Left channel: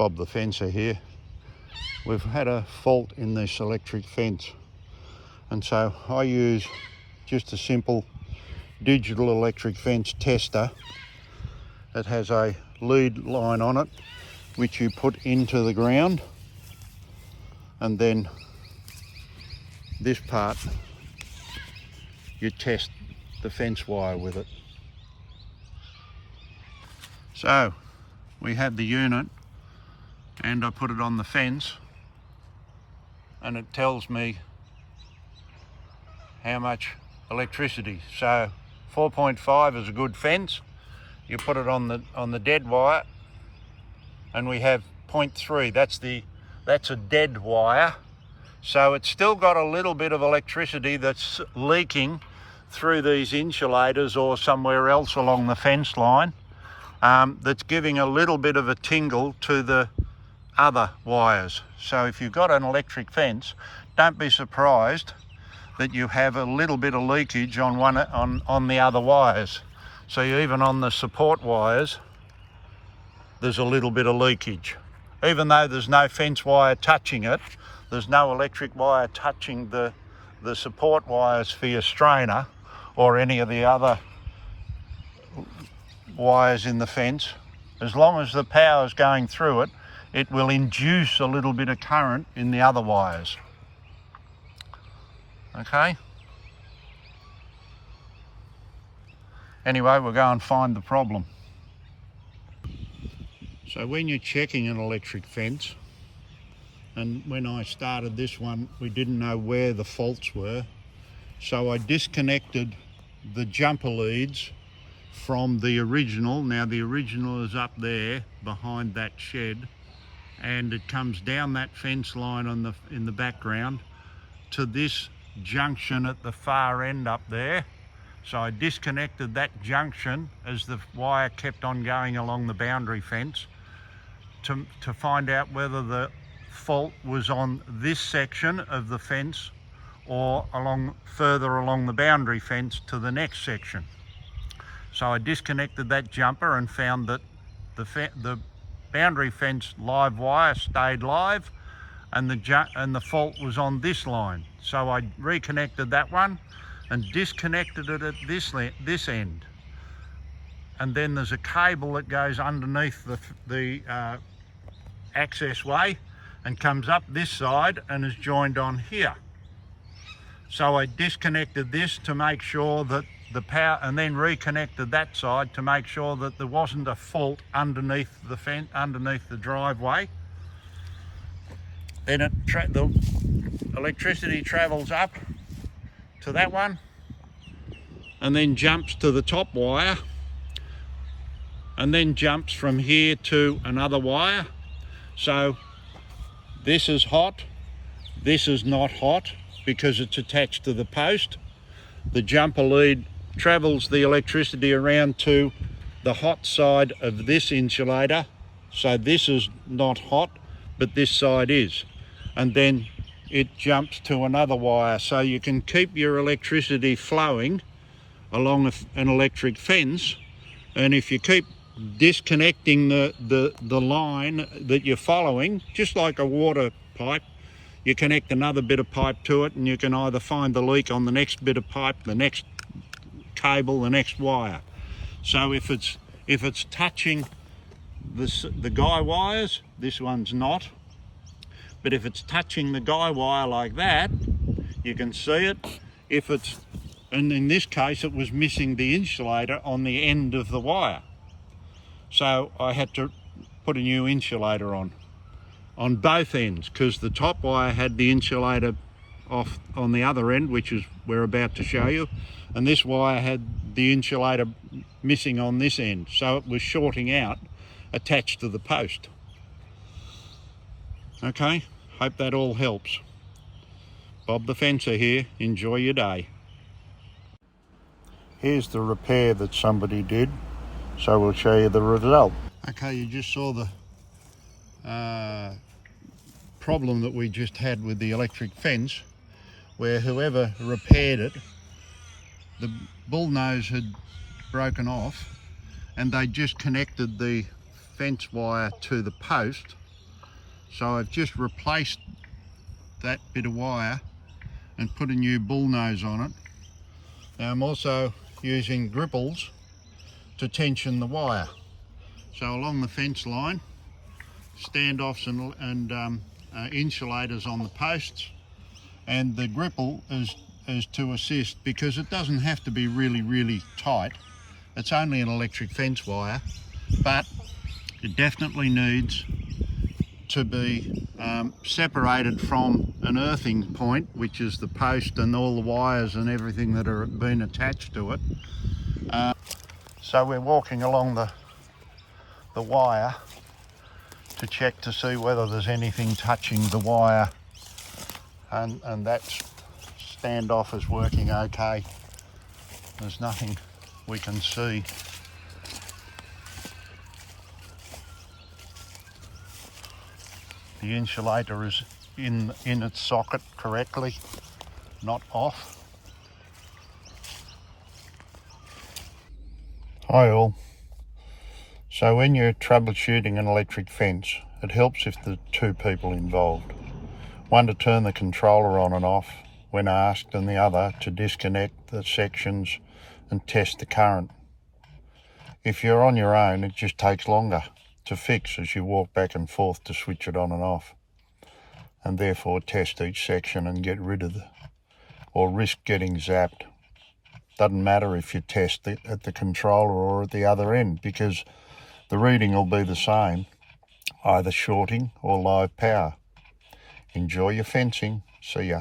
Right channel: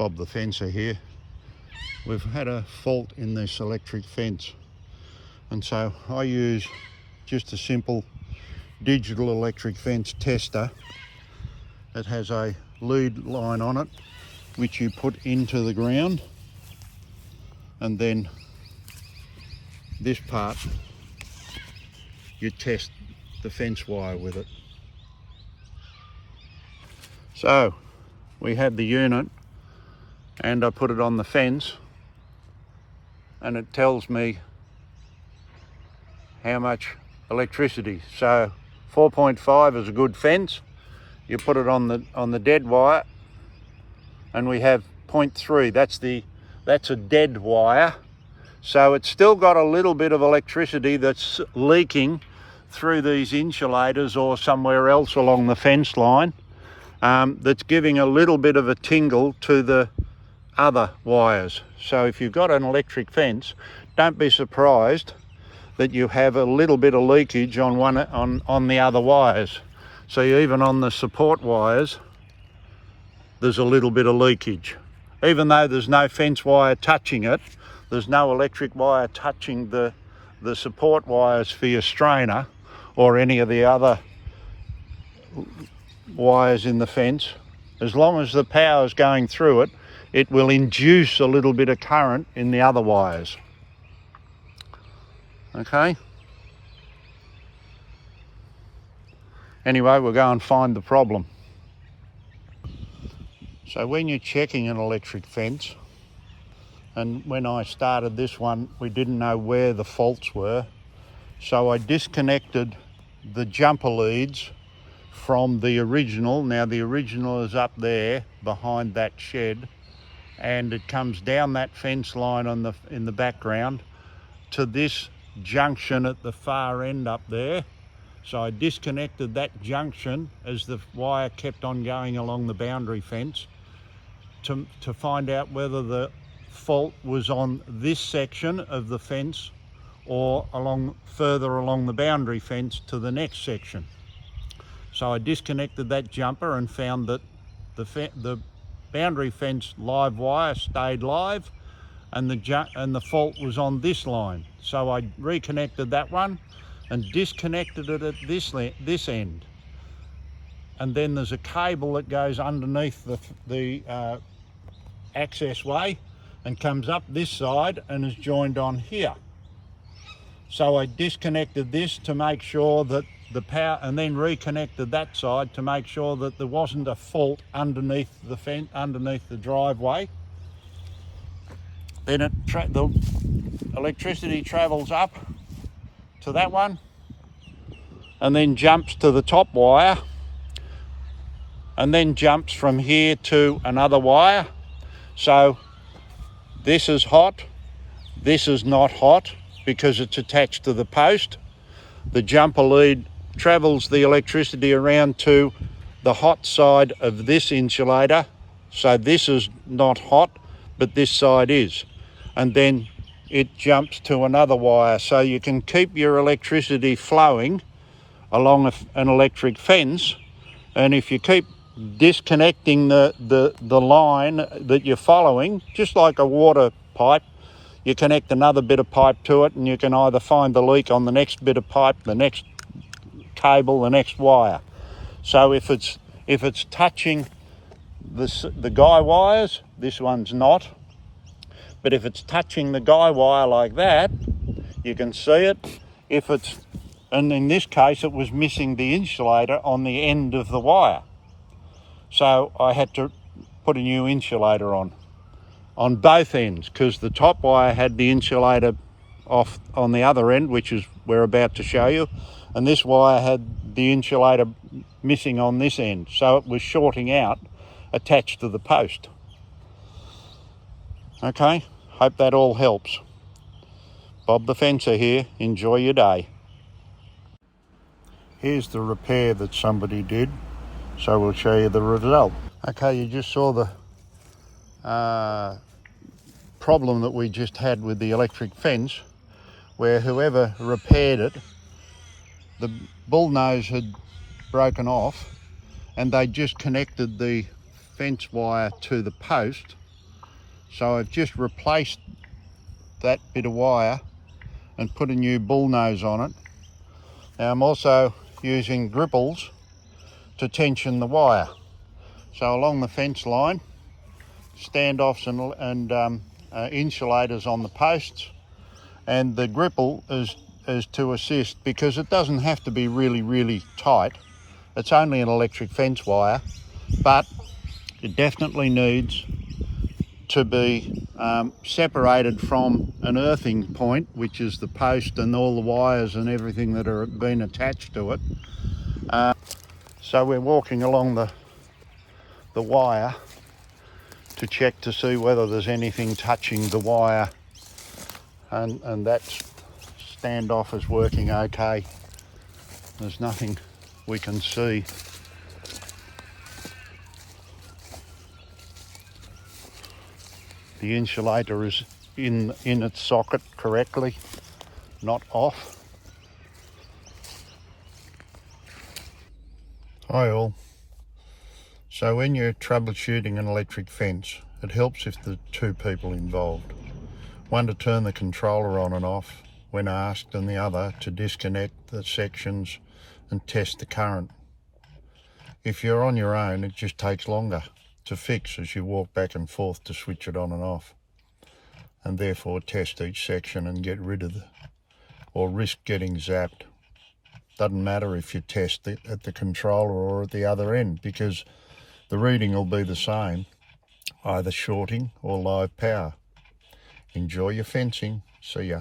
Bob the fencer here. We've had a fault in this electric fence, and so I use just a simple digital electric fence tester. It has a lead line on it which you put into the ground, and then this part you test the fence wire with it. So we have the unit and I put it on the fence, and it tells me how much electricity. So 4.5 is a good fence. You put it on the dead wire, and we have 0.3. That's a dead wire. So it's still got a little bit of electricity that's leaking through these insulators or somewhere else along the fence line, that's giving a little bit of a tingle to the other wires. So if you've got an electric fence, don't be surprised that you have a little bit of leakage on the other wires. So even on the support wires, there's a little bit of leakage. Even though there's no fence wire touching it, there's no electric wire touching the support wires for your strainer or any of the other wires in the fence. As long as the power is going through it, it will induce a little bit of current in the other wires. Okay? Anyway, we'll go and find the problem. So when you're checking an electric fence, and when I started this one, we didn't know where the faults were, so I disconnected the jumper leads from the original. Now the original is up there behind that shed, and it comes down that fence line in the background to this junction at the far end up there. So I disconnected that junction as the wire kept on going along the boundary fence to find out whether the fault was on this section of the fence or further along the boundary fence to the next section. So I disconnected that jumper and found that the boundary fence live wire stayed live, and the fault was on this line. So I reconnected that one and disconnected it at this end. And then there's a cable that goes underneath the access way and comes up this side and is joined on here. So I disconnected this to make sure that the power, and then reconnected that side to make sure that there wasn't a fault underneath the fence, underneath the driveway. Then the electricity travels up to that one and then jumps to the top wire, and then jumps from here to another wire. So this is hot, this is not hot because it's attached to the post. The jumper lead travels the electricity around to the hot side of this insulator. So this is not hot, but this side is. And then it jumps to another wire. So you can keep your electricity flowing along an electric fence. And if you keep disconnecting the line that you're following, just like a water pipe, you connect another bit of pipe to it, and you can either find the leak on the next bit of pipe, the next cable, the next wire. So if it's touching the guy wires, this one's not. But if it's touching the guy wire like that, you can see it. And in this case, it was missing the insulator on the end of the wire. So I had to put a new insulator on both ends, because the top wire had the insulator off on the other end, which is we're about to show you, and this wire had the insulator missing on this end, so it was shorting out attached to the post. Okay, hope that all helps. Bob the fencer here, enjoy your day. Here's the repair that somebody did, so we'll show you the result. Okay, you just saw the problem that we just had with the electric fence, where whoever repaired it, the bullnose had broken off, and they just connected the fence wire to the post So I've just replaced that bit of wire and put a new bull nose on it. Now I'm also using gripples to tension the wire. So along the fence line, standoffs and insulators on the posts, and the gripple is to assist, because it doesn't have to be really tight. It's only an electric fence wire, but it definitely needs to be separated from an earthing point, which is the post and all the wires and everything that are been attached to it. So we're walking along the wire to check to see whether there's anything touching the wire, and that standoff is working okay. There's nothing we can see. The insulator is in its socket correctly, not off. Hi all. So when you're troubleshooting an electric fence, it helps if there are two people involved. One to turn the controller on and off when asked, and the other to disconnect the sections and test the current. If you're on your own, it just takes longer to fix as you walk back and forth to switch it on and off, and therefore test each section and get rid of or risk getting zapped. Doesn't matter if you test it at the controller or at the other end, because the reading will be the same, either shorting or live power. Enjoy your fencing. See ya.